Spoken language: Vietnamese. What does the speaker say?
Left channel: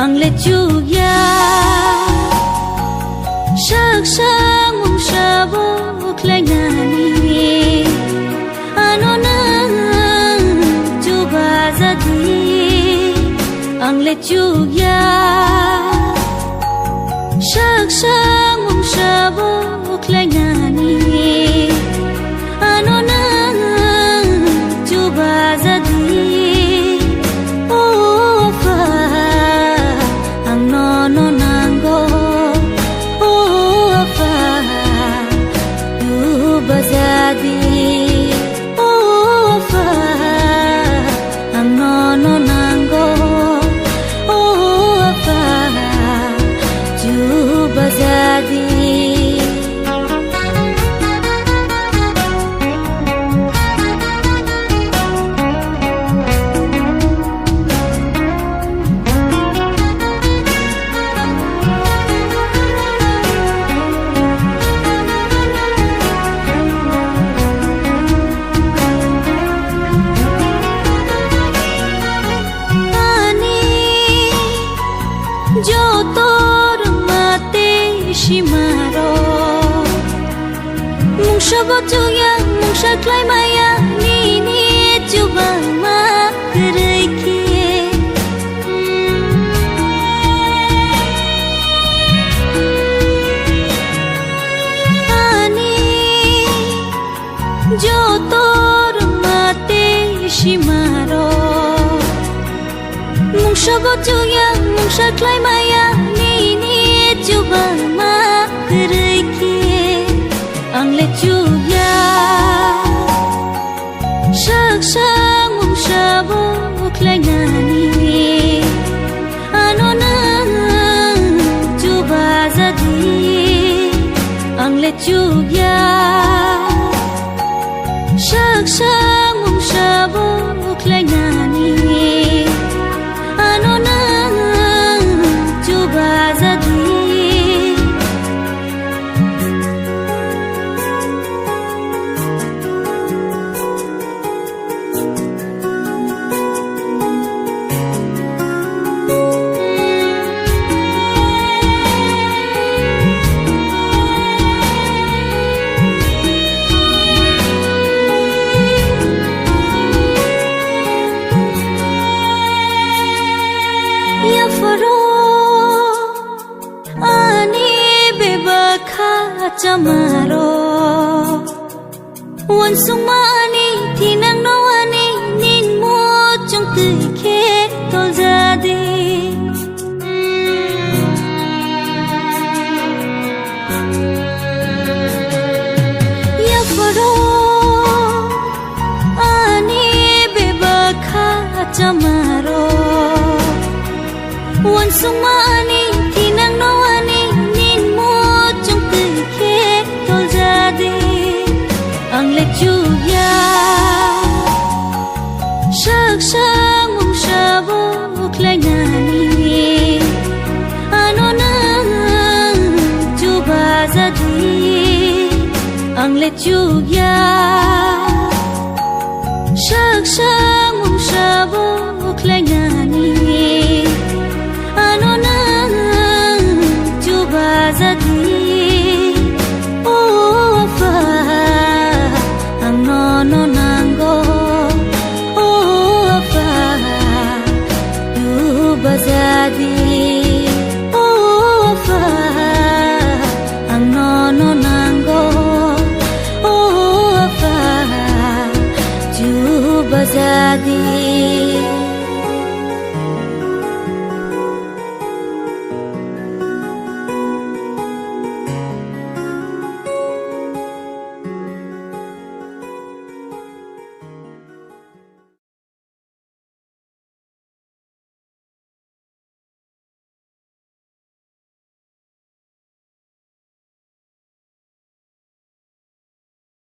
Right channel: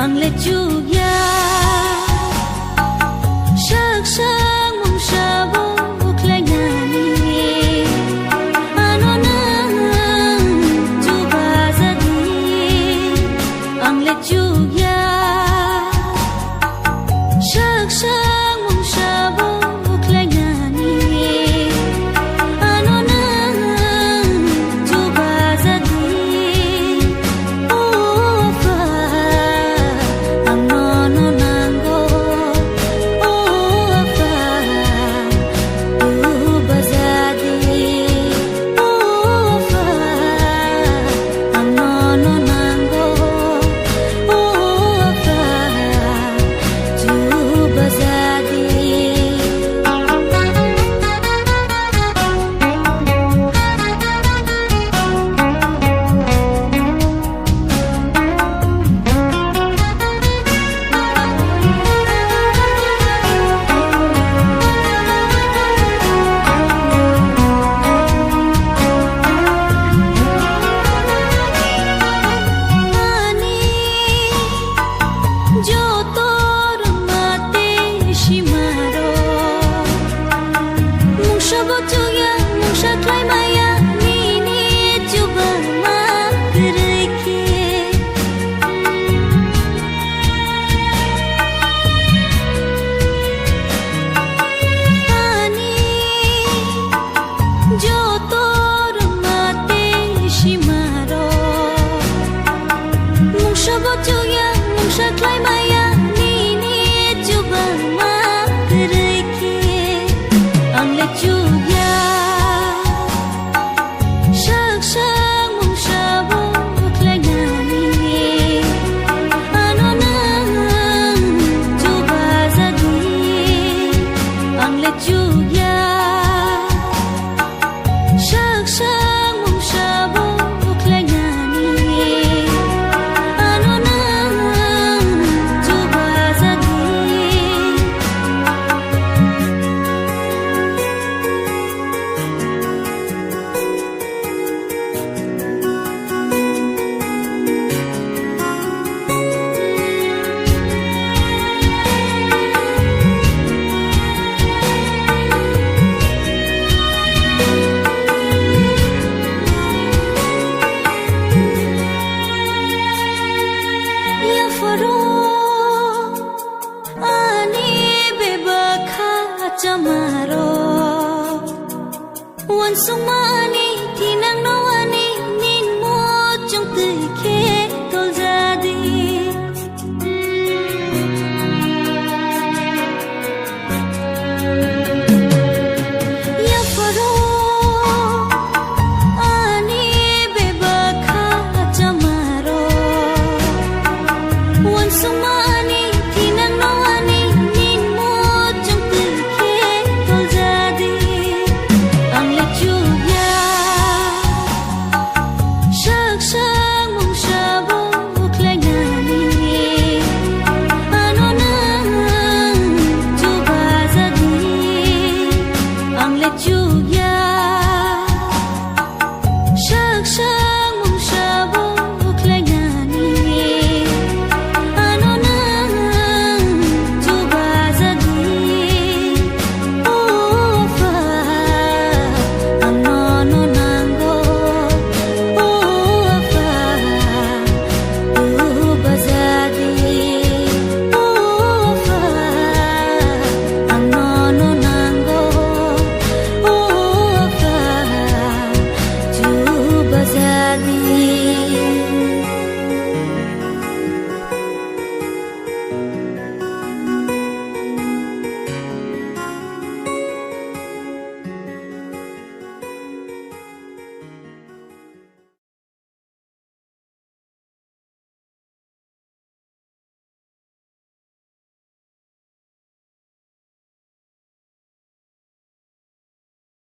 ang le chu ya sak sang mong sabo klay nani ano na chu ba za di ang le chu ya sak sang mong sabo klay nani ano na chu ba za di Bazadi oh afa ang nono nango oh afa ju bazadi जो तोर माते shimaro mungsa botuya mungsa klai maya ni ni juba ma kereke ani jo tor mate shimaro mungsa botuya mungsa klai maya ni ni juba ma kereke ang le chuya sak sang mungsa bo klai ngani ano na juba zadi ang le chuya sak sang mungsa bo klai ngani ano na juba zadi ya faro ani bebakha chamaro wan sung ani thinang no ani nin mo chong tui khe tol jadi ya faro ani bebakha chamaro wan sung ani thinang no ani nin mo chong tui khe tol jadi ang le chuya sak sang mong sabo klai ngani ano na juba jadi ang le chuya sak sang mong sabo klai ngani ano na juba zadi oh afa ang nono nango oh afa juba zadi oh afa ang nono nango oh afa juba zadi